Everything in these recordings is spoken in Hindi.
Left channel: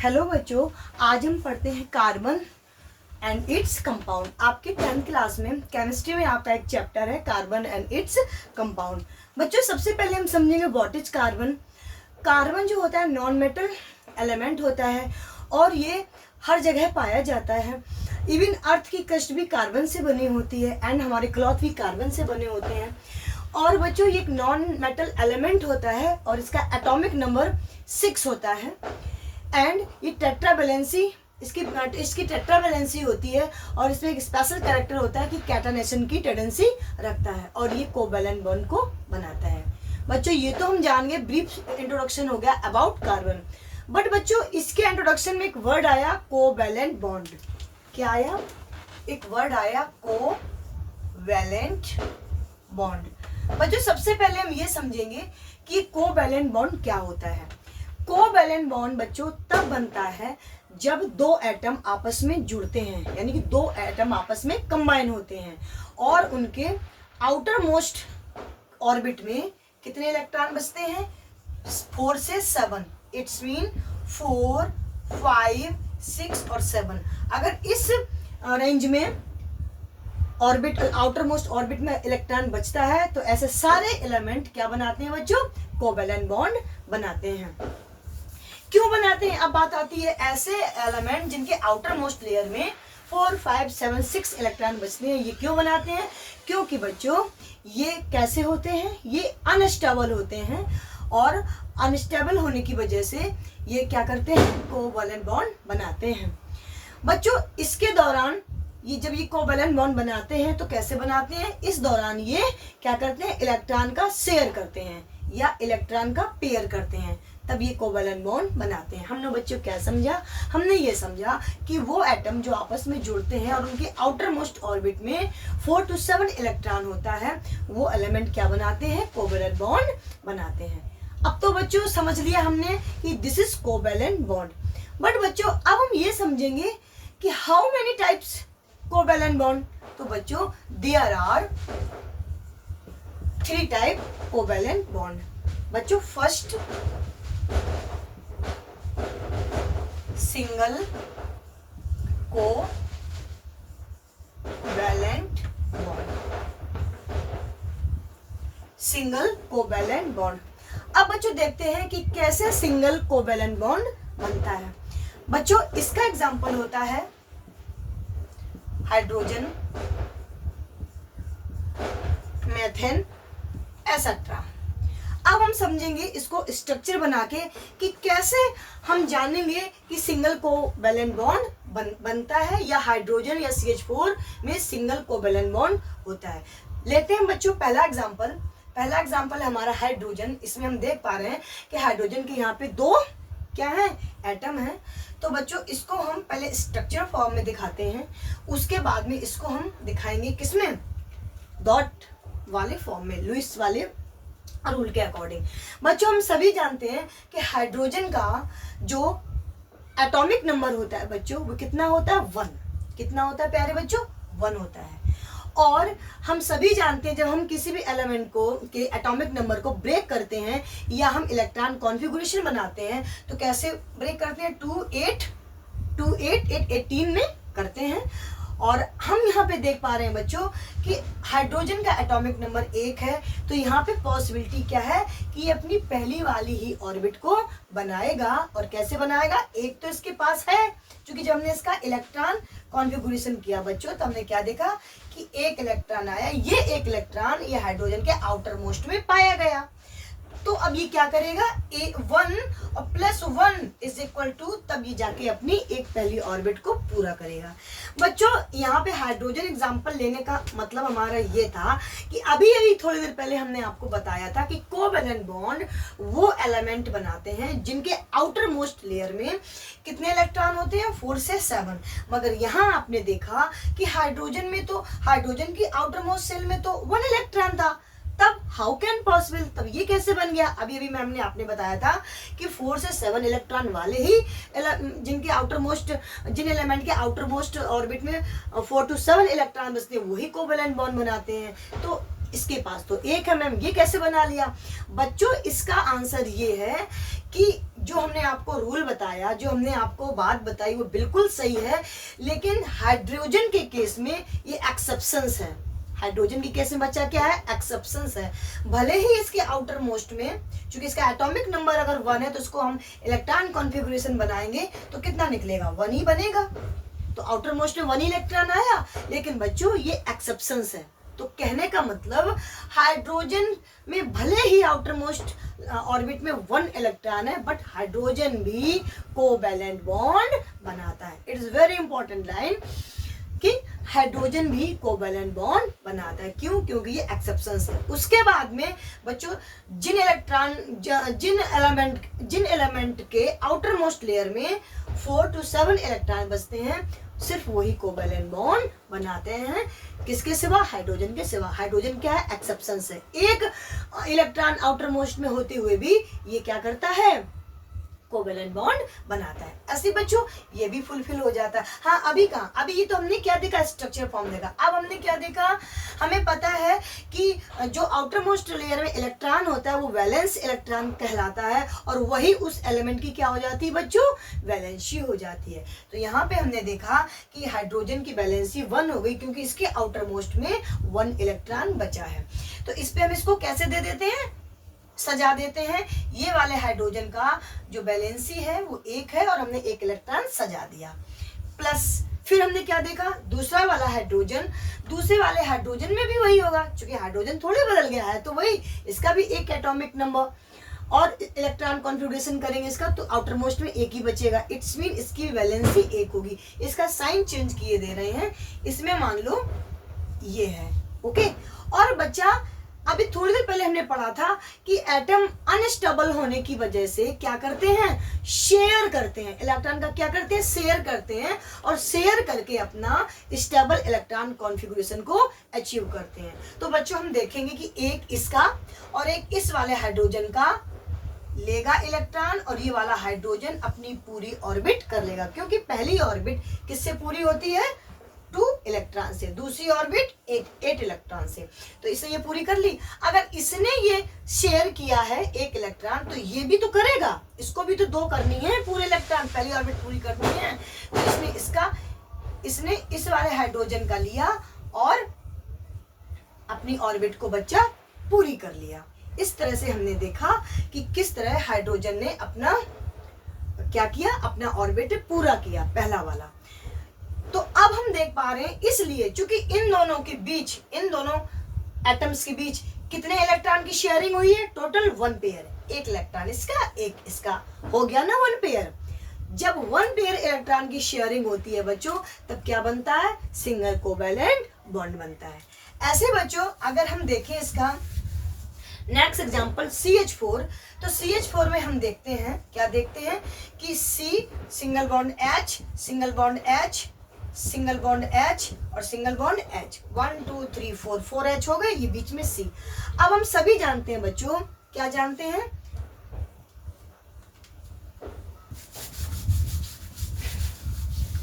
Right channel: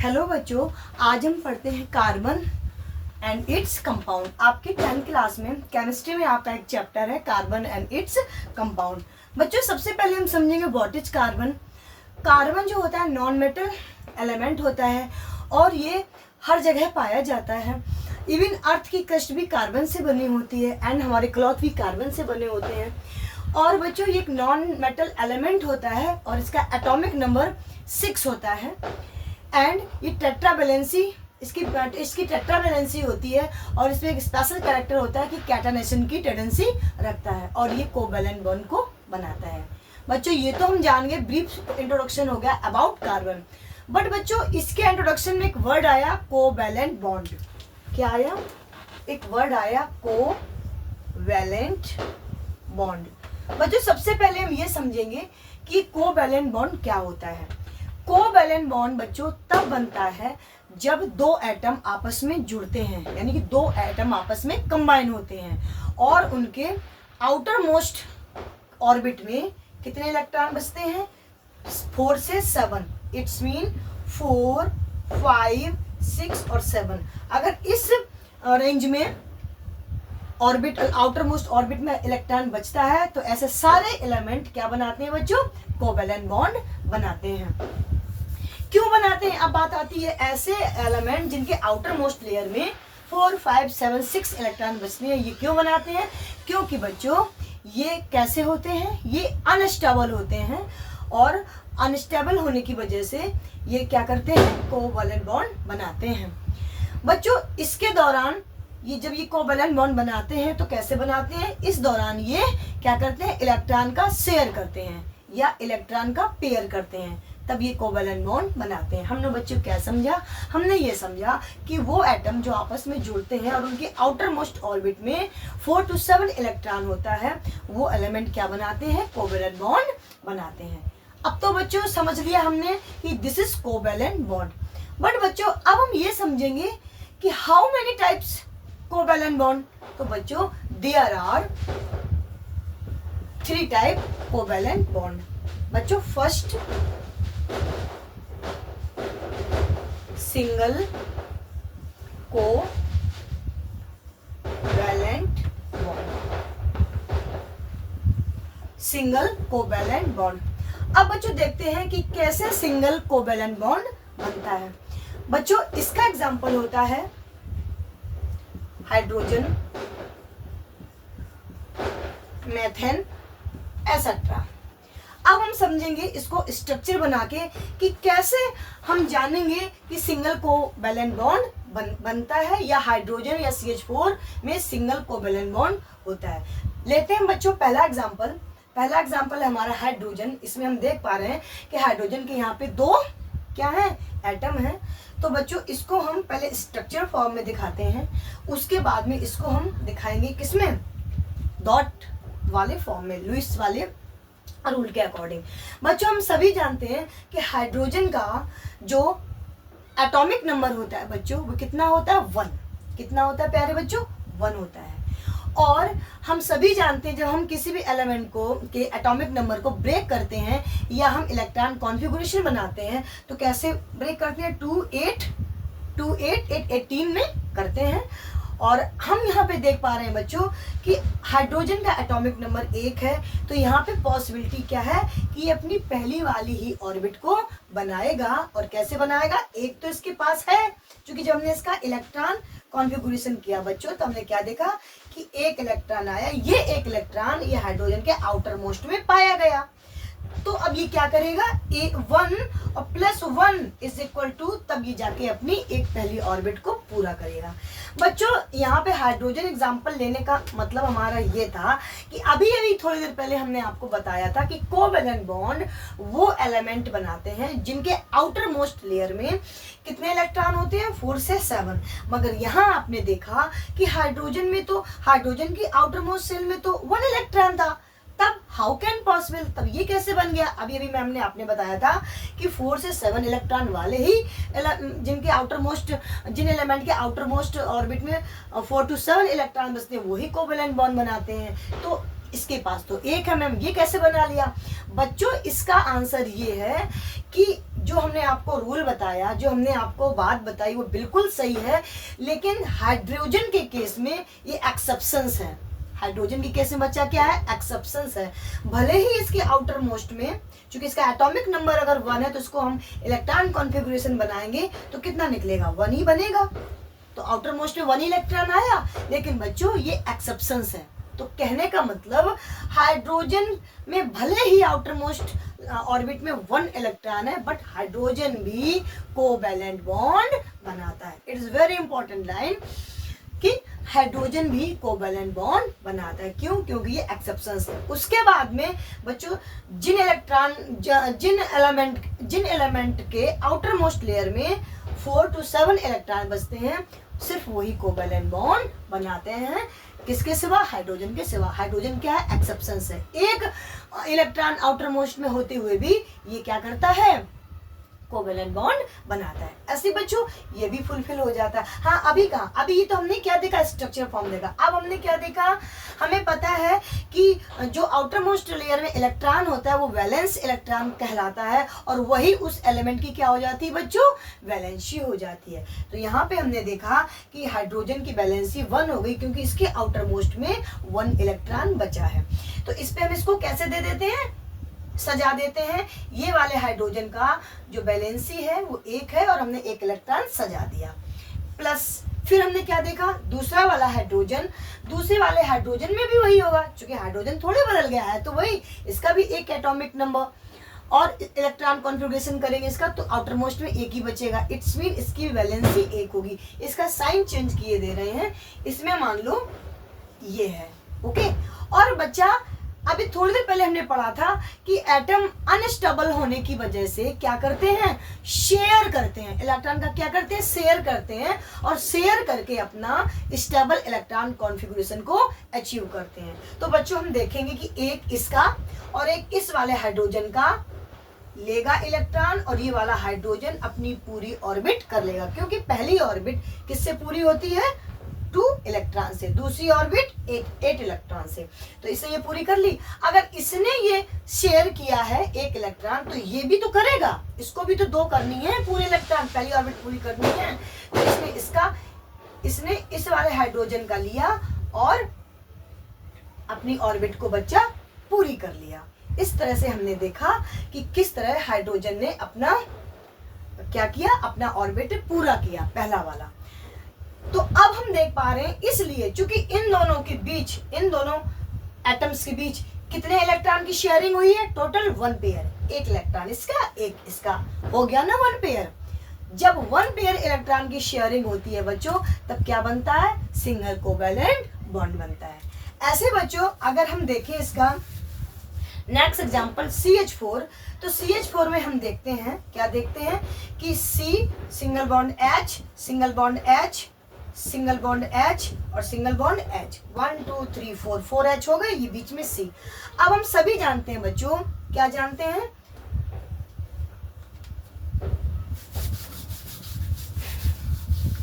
हेलो बच्चों, आज हम पढ़ते हैं कार्बन एंड इट्स कंपाउंड। आपके 10th क्लास में केमिस्ट्री में आपका एक चैप्टर है कार्बन एंड इट्स कंपाउंड। बच्चों, सबसे पहले हम समझेंगे व्हाट इज कार्बन। कार्बन जो होता है नॉन मेटल एलिमेंट होता है और ये हर जगह पाया जाता है। इवन अर्थ की क्रस्ट भी कार्बन से बनी होती है एंड हमारे क्लॉथ भी कार्बन से बने होते हैं। और बच्चों, ये एक नॉन मेटल एलिमेंट होता है और इसका एटॉमिक नंबर 6 होता है। एंड ये टेट्रावैलेंसी इसकी टेट्रावैलेंसी होती है और इसमें एक स्पेशल कैरेक्टर होता है कि कैटानेशन की टेंडेंसी रखता है और ये कोवैलेंट बॉन्ड को बनाता है। बच्चों, ये तो हम जान गए, ब्रीफ इंट्रोडक्शन हो गया अबाउट कार्बन। बट बच्चों, इसके इंट्रोडक्शन में एक वर्ड आया कोवैलेंट बॉन्ड। क्या आया? एक वर्ड आया कोवैलेंट बॉन्ड। बच्चों, सबसे पहले हम ये समझेंगे कि कोवैलेंट बॉन्ड क्या होता है। कोवैलेंट बॉन्ड बच्चों तब बनता है जब दो एटम आपस में जुड़ते हैं, यानी कि दो एटम आपस में कंबाइन होते हैं और उनके आउटर मोस्ट ऑर्बिट में कितने इलेक्ट्रॉन बचते हैं? 4 से 7। इट्स मीन 4, 5, 6 और 7। अगर इस रेंज में ऑर्बिट आउटर मोस्ट ऑर्बिट में इलेक्ट्रॉन बचता है तो ऐसे सारे एलिमेंट क्या बनाते हैं बच्चों? कोवैलेंट बॉन्ड बनाते हैं। क्यों बनाते हैं? अब बात आती है ऐसे एलिमेंट जिनके आउटर मोस्ट लेयर में 4, 5, 7, 6 इलेक्ट्रॉन बचते हैं। ये क्यों बनाते हैं? क्योंकि बच्चों ये कैसे होते हैं? ये अनस्टेबल होते हैं और अनस्टेबल होने की वजह से ये क्या करते हैं? कोवैलेंट बॉन्ड बनाते हैं। बच्चों, इसके दौरान जब ये कोवैलेंट बॉन्ड बनाते हैं तो कैसे बनाते हैं? इस दौरान ये क्या करते हैं? इलेक्ट्रॉन का शेयर करते हैं या इलेक्ट्रॉन का पेयर करते हैं, तब ये कोवैलेंट बॉन्ड बनाते हैं। हमने बच्चों क्या समझा? हमने ये समझा कि वो एटम जो आपस में जुड़ते हैं और उनके आउटर मोस्ट ऑर्बिट में 4 to 7 इलेक्ट्रॉन होता है, वो एलिमेंट क्या बनाते हैं? कोवैलेंट बॉन्ड बनाते हैं। अब तो बच्चों समझ लिया हमने कि this is covalent bond. But बच्चों, अब हम ये समझेंगे कि how many types covalent bond. तो बच्चों, there are 3 type covalent bond. बच्चों, first single covalent bond. Single covalent bond. अब बच्चों देखते हैं कि कैसे सिंगल कोवैलेंट बॉन्ड बनता है। बच्चों, इसका एग्जांपल होता है हाइड्रोजन, मेथेन एसेट्रा। अब हम समझेंगे इसको स्ट्रक्चर बना के कि कैसे हम जानेंगे कि सिंगल कोवैलेंट बॉन्ड बनता है या हाइड्रोजन या CH4 में सिंगल कोवैलेंट बॉन्ड होता है। लेते हैं बच्चों पहला एग्जांपल है हमारा हाइड्रोजन। इसमें हम देख पा रहे हैं कि हाइड्रोजन के यहाँ पे 2 क्या है? एटम है। तो बच्चों, इसको हम पहले स्ट्रक्चर फॉर्म में दिखाते हैं, उसके बाद में इसको हम दिखाएंगे किसमें? डॉट वाले फॉर्म में, लुईस वाले रूल के अकॉर्डिंग। बच्चों, हम सभी जानते हैं कि हाइड्रोजन का जो एटॉमिक नंबर होता है बच्चों, वो कितना होता है? 1। कितना होता है प्यारे बच्चों? 1 होता है। और हम सभी जानते हैं जब हम किसी भी एलिमेंट को के एटॉमिक नंबर को ब्रेक करते हैं या हम इलेक्ट्रॉन कॉन्फ़िगरेशन बनाते हैं तो कैसे ब्रेक करते हैं? 2, 8, 2, 8, 8, 18 में करते हैं। और हम यहाँ पे देख पा रहे हैं बच्चों कि हाइड्रोजन का एटॉमिक नंबर 1 है, तो यहाँ पे पॉसिबिलिटी क्या है कि ये अपनी पहली वाली ही ऑर्बिट को बनाएगा। और कैसे बनाएगा? एक तो इसके पास है, क्योंकि जब हमने इसका इलेक्ट्रॉन कॉन्फ़िगरेशन किया बच्चों तो हमने क्या देखा कि एक इलेक्ट्रॉन आया। ये एक इलेक्ट्रॉन ये हाइड्रोजन के आउटर मोस्ट में पाया गया। तो अब ये क्या करेगा? 1 और +1 इज इक्वल टू, तब ये जाके अपनी एक पहली ऑर्बिट को पूरा करेगा। बच्चों, यहाँ पे हाइड्रोजन एग्जांपल लेने का मतलब हमारा ये था कि अभी थोड़ी देर पहले हमने आपको बताया था कि कोवैलेंट बॉन्ड वो एलिमेंट बनाते हैं जिनके आउटर मोस्ट लेयर में कितने इलेक्ट्रॉन होते हैं? 4 से 7। मगर यहाँ आपने देखा कि हाइड्रोजन में तो हाइड्रोजन की आउटर मोस्ट सेल में तो 1 इलेक्ट्रॉन था। तब हाउ कैन पॉसिबल? तब ये कैसे बन गया? अभी मैम ने आपने बताया था कि 4 से 7 इलेक्ट्रॉन वाले ही जिन एलिमेंट के आउटर मोस्ट ऑर्बिट में 4 to 7 इलेक्ट्रॉन बचते हैं वही कोवैलेंट बॉन्ड बनाते हैं। तो इसके पास तो 1 है मैम, ये कैसे बना लिया? बच्चों, इसका आंसर ये है कि जो हमने आपको रूल बताया, जो हमने आपको बात बताई वो बिल्कुल सही है, लेकिन हाइड्रोजन के केस में ये एक्सेप्शंस है। हाइड्रोजन की केस में बच्चा क्या है, एक्सेप्शंस है। भले ही इसके आउटर मोस्ट में, चूंकि इसका एटॉमिक नंबर अगर 1 है तो इसको हम इलेक्ट्रॉन कॉन्फ़िगरेशन बनाएंगे तो कितना निकलेगा, 1 ही बनेगा। तो आउटर मोस्ट में 1 इलेक्ट्रॉन आया, लेकिन बच्चों ये एक्सेप्शंस है। तो कहने का मतलब हाइड्रोजन में भले ही आउटर मोस्ट ऑर्बिट में 1 इलेक्ट्रॉन है, बट हाइड्रोजन भी कोवैलेंट बॉन्ड बनाता है। It is very important line कि हाइड्रोजन भी कोवैलेंट बॉन्ड बनाता है। क्यों? क्योंकि ये एक्सेप्शंस है। उसके बाद में बच्चों जिन एलिमेंट के आउटर मोस्ट लेयर में 4 to 7 इलेक्ट्रॉन बचते हैं, सिर्फ वही कोवैलेंट बॉन्ड बनाते हैं। किसके सिवा? हाइड्रोजन के सिवा। हाइड्रोजन क्या है? एक्सेप्शंस है। एक इलेक्ट्रॉन आउटर मोस्ट में होते हुए भी ये क्या करता है? कोवैलेंट बॉन्ड बनाता है। ऐसे बच्चों ये भी फुलफिल हो जाता है। हाँ, अभी कहाँ, अभी ये तो हमने क्या देखा, स्ट्रक्चर फॉर्म देखा। अब हमने क्या देखा, हमें पता है कि जो आउटर मोस्ट लेयर में इलेक्ट्रॉन होता है वो वैलेंस इलेक्ट्रॉन कहलाता है, और वही उस एलिमेंट की क्या हो जाती है बच्चों? वैलेंसी हो जाती है। तो यहाँ पे हमने देखा कि हाइड्रोजन की वैलेंसी 1 हो गई, क्योंकि इसके आउटर मोस्ट में 1 इलेक्ट्रॉन बचा है। तो इस पे हम इसको कैसे दे देते हैं, सजा देते हैं। ये वाले हाइड्रोजन का जो वैलेंसी है वो 1 है, और हमने 1 इलेक्ट्रॉन सजा दिया। प्लस फिर हमने क्या देखा, दूसरा वाला हाइड्रोजन, दूसरे वाले हाइड्रोजन में भी वही होगा, क्योंकि हाइड्रोजन थोड़े बदल गया है, तो वही इसका भी 1 एटॉमिक नंबर, और इलेक्ट्रॉन कॉन्फ़िगरेशन करेंगे इसका तो आउटर मोस्ट में 1 ही बचेगा। इट्स मीन इसकी वैलेंसी 1 होगी। इसका साइन चेंज किए दे रहे हैं, इसमें मान लो ये है, ओके। और बच्चा अभी थोड़ी देर पहले हमने पढ़ा था कि एटम अनस्टेबल होने की वजह से क्या करते हैं, शेयर करते हैं। इलेक्ट्रॉन का क्या करते हैं, शेयर करते हैं, और शेयर करके अपना स्टेबल इलेक्ट्रॉन कॉन्फ़िगरेशन को अचीव करते हैं। तो बच्चों हम देखेंगे कि एक इसका और एक इस वाले हाइड्रोजन का लेगा इलेक्ट्रॉन, और ये वाला हाइड्रोजन अपनी पूरी ऑर्बिट कर लेगा, क्योंकि पहली ऑर्बिट किससे पूरी होती है, 2 इलेक्ट्रॉन से, दूसरी ऑर्बिट 8 इलेक्ट्रॉन से। तो इसे ये पूरी कर ली। अगर इसने ये शेयर किया है 1 इलेक्ट्रॉन, तो ये भी तो करेगा, इसको भी तो 2 करनी है पूरे इलेक्ट्रॉन, पहली ऑर्बिट पूरी करनी है। तो इसने इस वाले हाइड्रोजन का लिया और अपनी ऑर्बिट को बच्चा पूरी कर लिया। इस तरह से हमने देखा कि किस तरह हाइड्रोजन ने अपना क्या किया, अपना ऑर्बिट पूरा किया, पहला वाला। तो अब हम देख पा रहे हैं, इसलिए चूंकि इन दोनों के बीच, इन दोनों एटम्स के बीच कितने इलेक्ट्रॉन की शेयरिंग हुई है, टोटल 1 पेयर। 1 इलेक्ट्रॉन इसका, 1 इसका, हो गया ना 1 पेयर। जब 1 पेयर इलेक्ट्रॉन की शेयरिंग होती है बच्चों, तब क्या बनता है, सिंगल कोवैलेंट बॉन्ड बनता है। ऐसे बच्चों अगर हम देखें इसका नेक्स्ट एग्जांपल CH4, तो CH4 में हम देखते हैं, क्या देखते हैं कि C single bond H, single bond H, single bond H और सिंगल बॉन्ड H, 1 2 3 4 H हो गए, ये बीच में C। अब हम सभी जानते हैं बच्चों, क्या जानते हैं,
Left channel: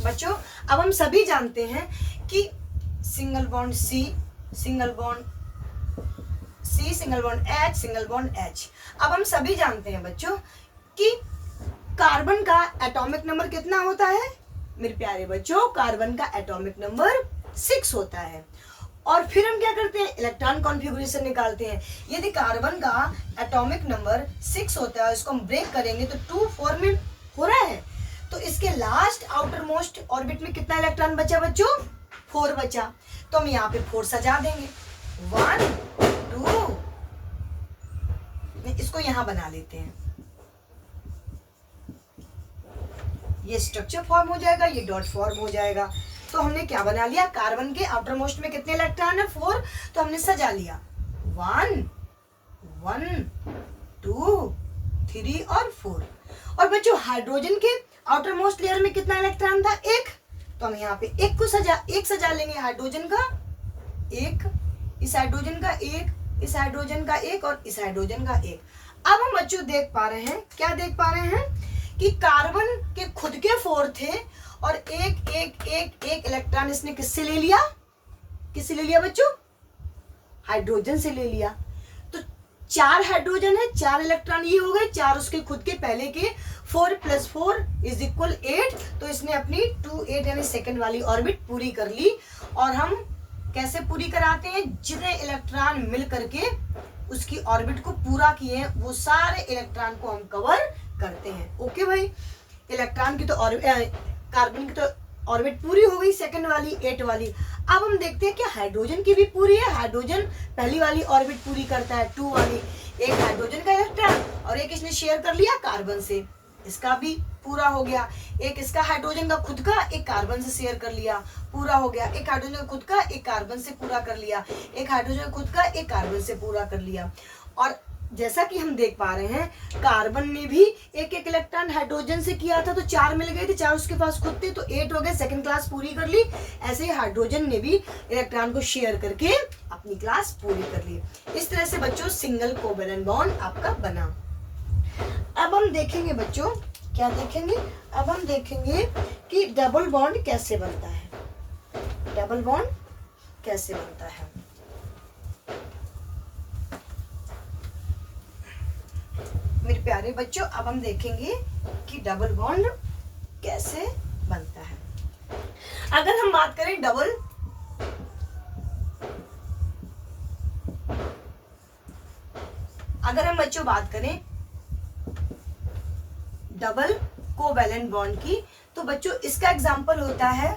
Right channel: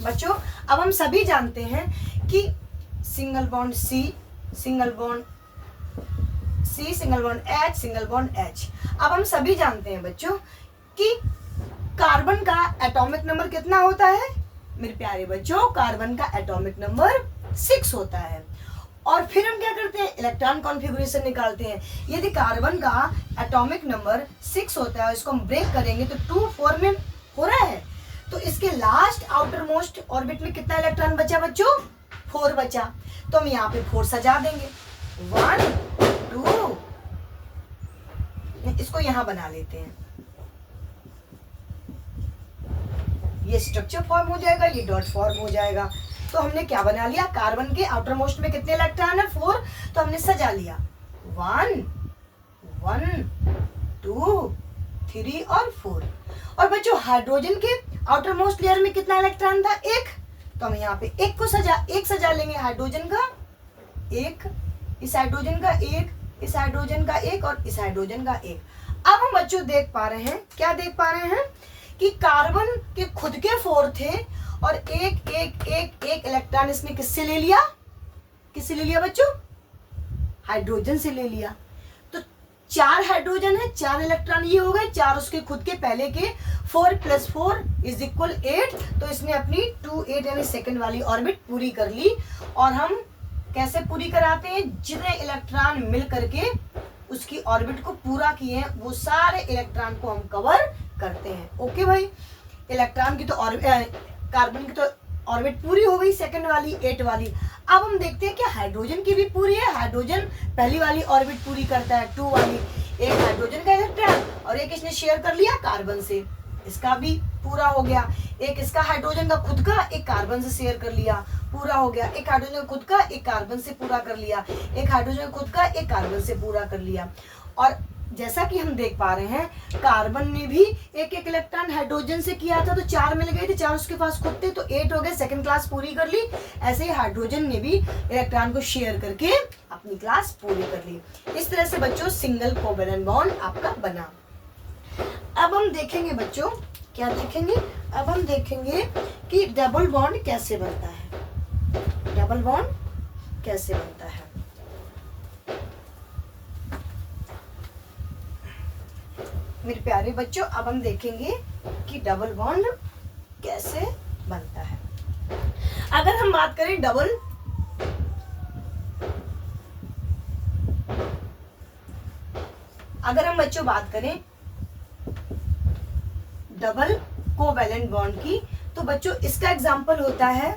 बच्चों अब हम सभी जानते हैं कि single bond C, single bond C, single bond H, single bond H। अब हम सभी जानते हैं बच्चों कि कार्बन का एटॉमिक नंबर कितना होता है, मेरे प्यारे बच्चों, कार्बन का एटॉमिक नंबर 6 होता है। और फिर हम क्या करते हैं, इलेक्ट्रॉन कॉन्फ़िगरेशन निकालते हैं। यदि कार्बन का एटॉमिक नंबर 6 होता है, इसको हम ब्रेक करेंगे तो 2 4 में हो रहा है, तो इसके लास्ट आउटर मोस्ट ऑर्बिट में कितना इलेक्ट्रॉन बचा बच्चों, 4 बचा। तो हम यहाँ पे 4 सजा देंगे, 1 2, इसको यहां बना लेते हैं, ये स्ट्रक्चर फॉर्म हो जाएगा, ये डॉट फॉर्म हो जाएगा। तो हमने क्या बना लिया, कार्बन के आउटर मोस्ट में कितने इलेक्ट्रॉन है, 4, तो हमने सजा लिया 1 1 2 3 और 4। और बच्चों हाइड्रोजन के आउटर मोस्ट लेयर में कितना इलेक्ट्रॉन था, 1, तो हम यहाँ पे 1 सजा लेंगे, हाइड्रोजन का 1, इस हाइड्रोजन का 1, इस हाइड्रोजन का 1 और इस हाइड्रोजन का 1। अब हम बच्चों देख पा रहे हैं, क्या देख पा रहे हैं कि कार्बन के खुद के 4 थे, और एक इलेक्ट्रॉन इसने किससे ले लिया, किससे ले लिया बच्चों, हाइड्रोजन से ले लिया। तो 4 हाइड्रोजन है, 4 इलेक्ट्रॉन ये हो गए, 4 उसके खुद के पहले के, 4 + 4 = 8। तो इसने अपनी 2 8 यानी सेकंड वाली ऑर्बिट पूरी कर ली। और हम कैसे पूरी कराते हैं, जितने इलेक्ट्रॉन मिल करके उसकी ऑर्बिट को पूरा किए हैं वो सारे इलेक्ट्रॉन को हम कवर करते हैं। ओके भाई, इलेक्ट्रॉन की तो कार्बन की तो ऑर्बिट पूरी हो गई, सेकंड वाली 8 वाली। अब हम देखते हैं कि हाइड्रोजन की भी पूरी है। हाइड्रोजन पहली वाली ऑर्बिट पूरी करता है, 2 वाली। एक हाइड्रोजन का इलेक्ट्रॉन और एक इसने शेयर कर लिया कार्बन से, इसका भी पूरा हो गया। एक इसका हाइड्रोजन का खुद का, एक कार्बन से शेयर कर लिया, पूरा हो गया। एक हाइड्रोजन का खुद का, एक कार्बन से पूरा कर लिया। एक हाइड्रोजन का खुद का, एक कार्बन से पूरा कर लिया। और जैसा कि हम देख पा रहे हैं, कार्बन ने भी एक एक इलेक्ट्रॉन हाइड्रोजन से किया था, तो 4 मिल गए थे, 4 उसके पास खुद थे, तो 8 हो गए, सेकंड क्लास पूरी कर ली। ऐसे ही हाइड्रोजन ने भी इलेक्ट्रॉन को शेयर करके अपनी क्लास पूरी कर ली। इस तरह से बच्चों सिंगल कोवैलेंट बॉन्ड आपका बना। अब हम देखेंगे बच्चों, क्या देखेंगे, अब हम देखेंगे कि डबल बॉन्ड कैसे बनता है। डबल बॉन्ड कैसे बनता है। मेरे प्यारे बच्चों, अब हम देखेंगे कि डबल बॉन्ड कैसे बनता है। अगर हम बात करें अगर हम बच्चों बात करें डबल कोवैलेंट बॉन्ड की, तो बच्चों इसका एग्जांपल होता है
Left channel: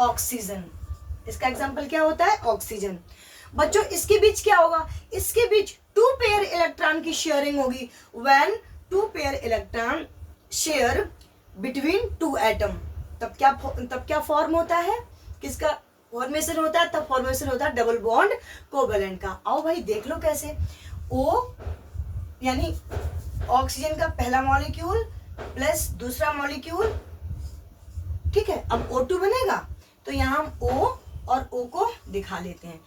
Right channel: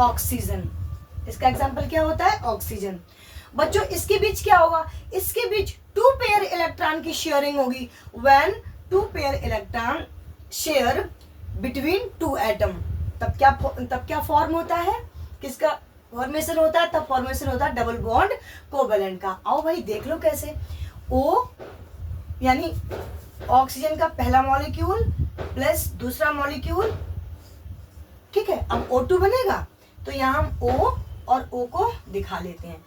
ऑक्सीजन। इसका एग्जांपल क्या होता है, ऑक्सीजन। बच्चों इसके बीच क्या होगा, इसके बीच 2 पेयर इलेक्ट्रॉन की शेयरिंग होगी। When 2 pair electron share between 2 atom, तब क्या फॉर्म होता है, किसका फॉर्मेशन होता है, तब फॉर्मेशन होता है डबल बॉन्ड कोवैलेंट का। आओ भाई देख लो कैसे। O यानी ऑक्सीजन का पहला मॉलिक्यूल प्लस दूसरा मॉलिक्यूल, ठीक है। अब O2 बनेगा, तो यहाँ हम O और O को दिखा लेते हैं।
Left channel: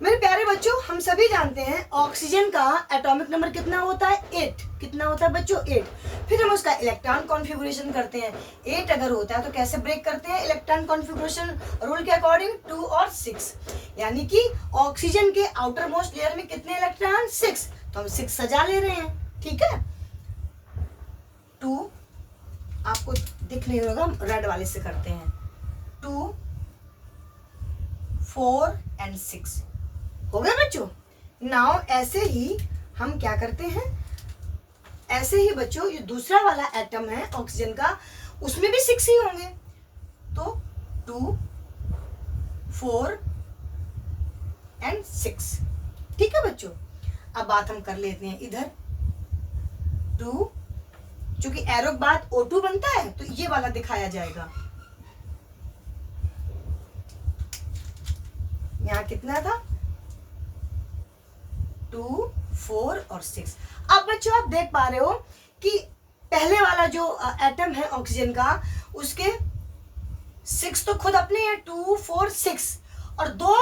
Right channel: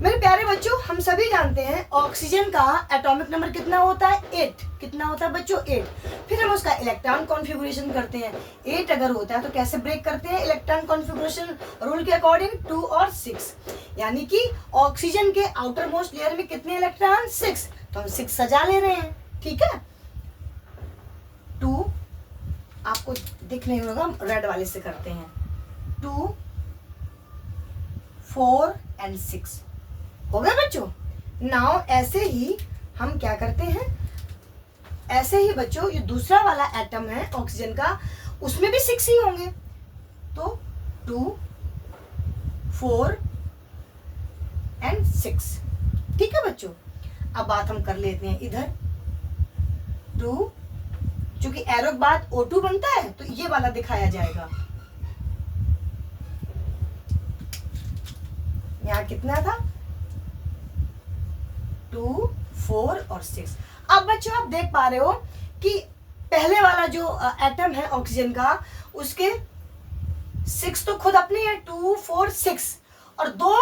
मेरे प्यारे बच्चों, हम सभी जानते हैं ऑक्सीजन का एटॉमिक नंबर कितना होता है, 8। कितना होता है बच्चों, 8। फिर हम उसका इलेक्ट्रॉन कॉन्फ़िगरेशन करते हैं। 8 अगर होता है तो कैसे ब्रेक करते हैं इलेक्ट्रॉन कॉन्फ़िगरेशन रूल के अकॉर्डिंग, 2 और 6। यानी कि ऑक्सीजन के आउटर मोस्ट लेयर में कितने इलेक्ट्रॉन, 6। तो हम 6 सजा ले रहे हैं, ठीक है। 2 आपको दिख नहीं होगा, रेड वाले से करते हैं। 2 4 और 6 हो गया बच्चों। नाउ ऐसे ही हम क्या करते हैं, ऐसे ही बच्चों ये दूसरा वाला एटम है ऑक्सीजन का, उसमें भी 6 ही होंगे। तो 2 4 और 6, ठीक है बच्चों। अब बात हम कर लेते हैं इधर 2, चूंकि एरो के बाद O2 बनता है तो ये वाला दिखाया जाएगा। यहाँ कितना था, 2 4 और 6। अब बच्चों आप देख पा रहे हो कि पहले वाला जो एटम है ऑक्सीजन का, उसके 6 तो खुद अपने हैं, 2 4 6, और 2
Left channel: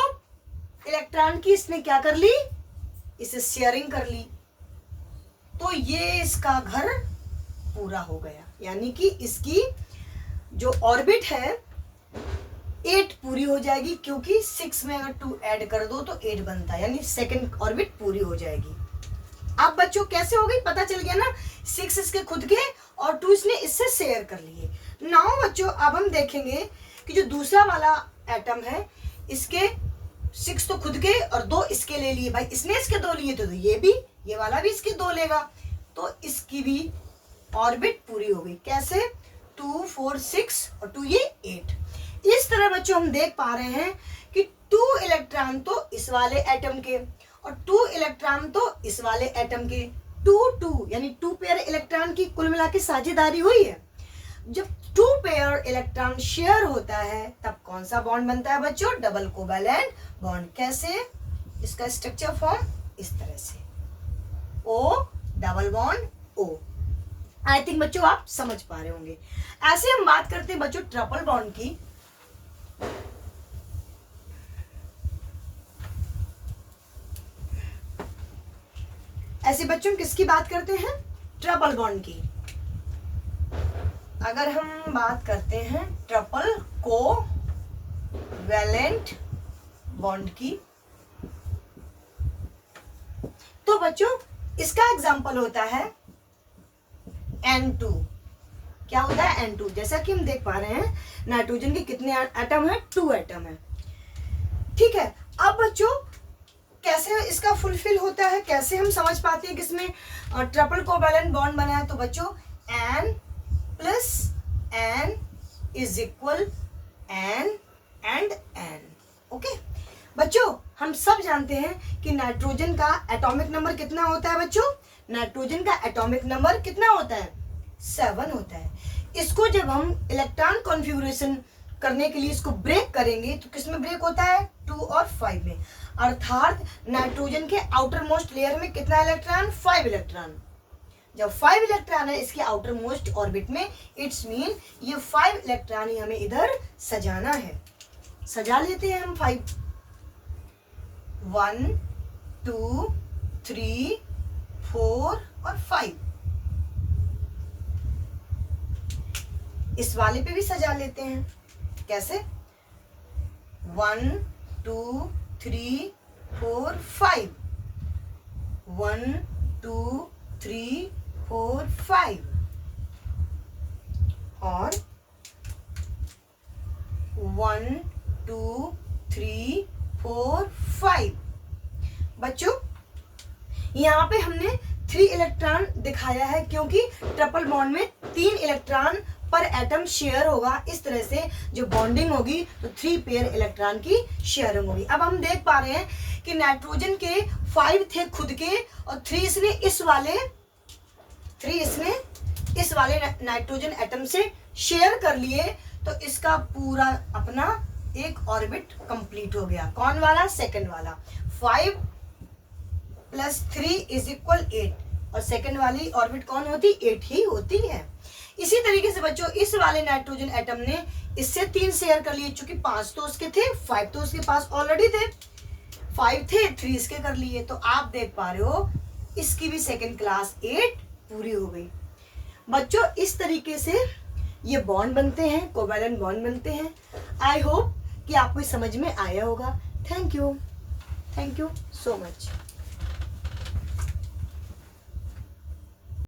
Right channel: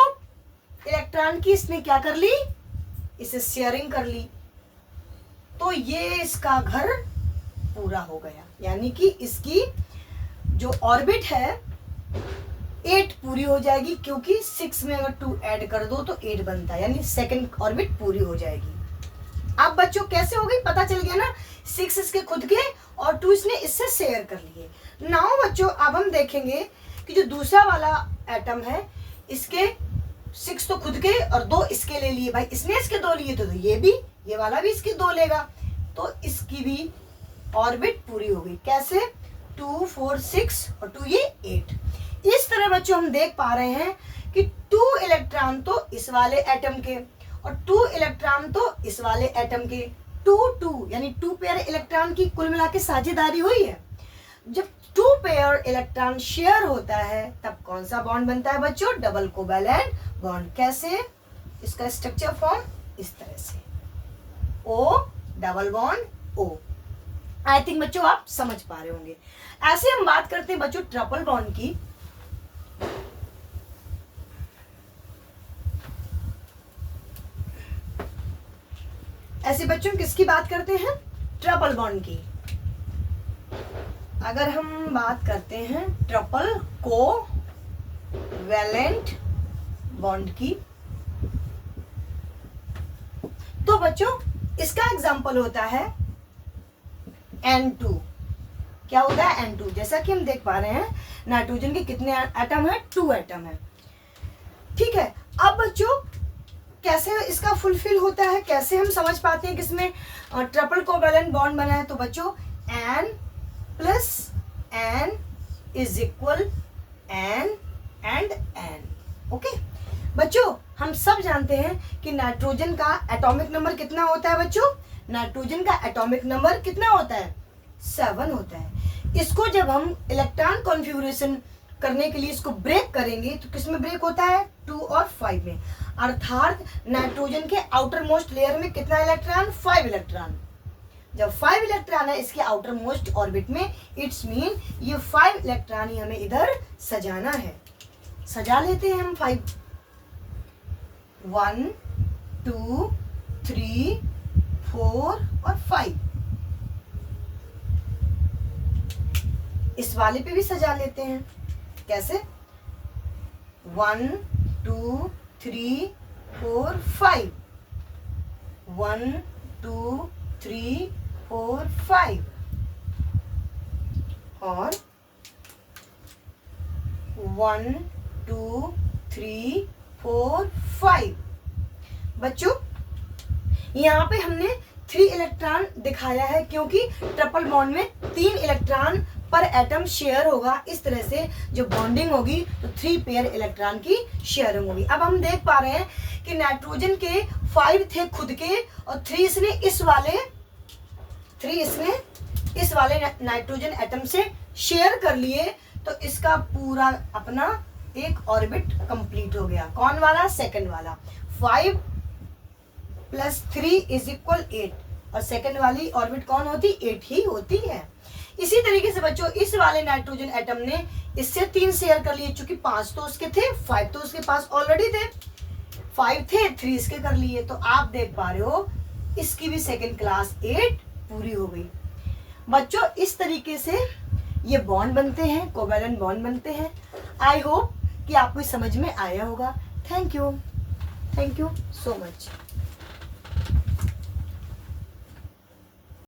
इलेक्ट्रॉन की इसने क्या कर ली, इसे शेयरिंग कर ली। तो ये इसका घर पूरा हो गया, यानी कि इसकी जो ऑर्बिट है 8 पूरी हो जाएगी, क्योंकि 6 में अगर 2 ऐड कर दो तो 8 बनता है, यानी सेकंड ऑर्बिट पूरी हो जाएगी। अब बच्चों कैसे हो गई, पता चल गया ना, 6 इसके खुद के और 2 इसने इससे शेयर कर लिए। नाउ बच्चों अब हम देखेंगे कि जो दूसरा वाला एटम है, इसके 6 तो खुद के और 2 इसके ले लिए। भाई इसने इसके 2 लिए, तो ये भी, ये वाला भी इसके 2 लेगा, तो इसकी भी ऑर्बिट पूरी हो गई। कैसे, 2 4 6 और 2 ये 8। इस तरह बच्चों हम देख पा रहे हैं कि 2 इलेक्ट्रॉन तो इस वाले एटम के और 2 इलेक्ट्रॉन तो इस वाले एटम के, 2 2 यानी 2 पेयर इलेक्ट्रॉन की कुल मिला के साझेदारी हुई है। जब 2 पेयर इलेक्ट्रॉन शेयर होता है तब कौन सा बॉन्ड बनता है बच्चों, डबल कोवैलेंट बॉन्ड। कैसे, इसका स्ट्रक्चर फॉर्म इस तरह से, O double bond O। I think बच्चों आप समझ पा रहे होंगे। ऐसे हम बात करते हैं बच्चों ट्रिपल बॉन्ड की। ऐसे बच्चों किसकी बात करते हैं, ट्रिपल बॉन्ड की। अगर हम बात करते हैं ट्रिपल कोवैलेंट बॉन्ड की, तो बच्चों इसका एग्जाम्पल होता है N2। क्या होता है? N2। जैसा कि हम देख पा रहे हैं नाइट्रोजन के कितने एटम है? 2 एटम है। ठीक है, अब बच्चों कैसे इसका फुलफिल होता है, कैसे हम समझ पाते हैं कि इसमें ट्रिपल कोवैलेंट बॉन्ड बना है? तो बच्चों N plus N is equal N and N। Okay बच्चों, हम सब जानते हैं कि नाइट्रोजन का एटॉमिक नंबर कितना होता है? बच्चों नाइट्रोजन का एटॉमिक नंबर कितना होता है? 7 होता है। इसको जब हम इलेक्ट्रॉन कॉन्फ़िगरेशन करने के लिए इसको ब्रेक करेंगे तो किस में ब्रेक होता है? 2 और 5 में। अर्थात नाइट्रोजन के आउटर मोस्ट लेयर में कितना इलेक्ट्रॉन? 5 इलेक्ट्रॉन। जब 5 इलेक्ट्रॉन है इसके आउटर मोस्ट ऑर्बिट में, इट्स मीन ये 5 इलेक्ट्रॉन ही हमें इधर सजाना है। सजा लेते हैं हम 5। 1 2 3 4 और 5। इस वाले पे भी सजा लेते हैं। कैसे? 1 2 3 4 5। 1 2 3 4 5 और 1 2 3 4 5। बच्चों यहाँ पे हमने 3 इलेक्ट्रॉन दिखाया है क्योंकि ट्रिपल बॉन्ड में 3 इलेक्ट्रॉन पर एटम शेयर होगा। इस तरह से जो बॉन्डिंग होगी तो 3 पेयर इलेक्ट्रॉन की शेयरिंग होगी। अब हम देख पा रहे हैं कि नाइट्रोजन के 5 थे खुद के और 3 इसने इस वाले नाइट्रोजन एटम से शेयर कर लिए, तो इसका पूरा अपना एक ऑर्बिट कंप्लीट हो गया। कौन वाला? सेकंड वाला। 5 प्लस 3 इज इक्वल 8 और सेकंड वाली ऑर्बिट कौन होती? 8 ही होती है। इसी तरीके से बच्चों इस वाले नाइट्रोजन एटम ने इससे 3 शेयर कर लिए, चूंकि 5 तो उसके थे, 5 तो उसके पास ऑलरेडी थे, 5 थे, 3 इसके कर लिए। तो आप देख पा रहे हो इसकी भी सेकंड क्लास 8 पूरी हो गई। बच्चों इस तरीके से ये बॉन्ड बनते हैं, कोवैलेंट बॉन्ड बनते हैं। आई होप कि आपको समझ में आया होगा। Thank you so much.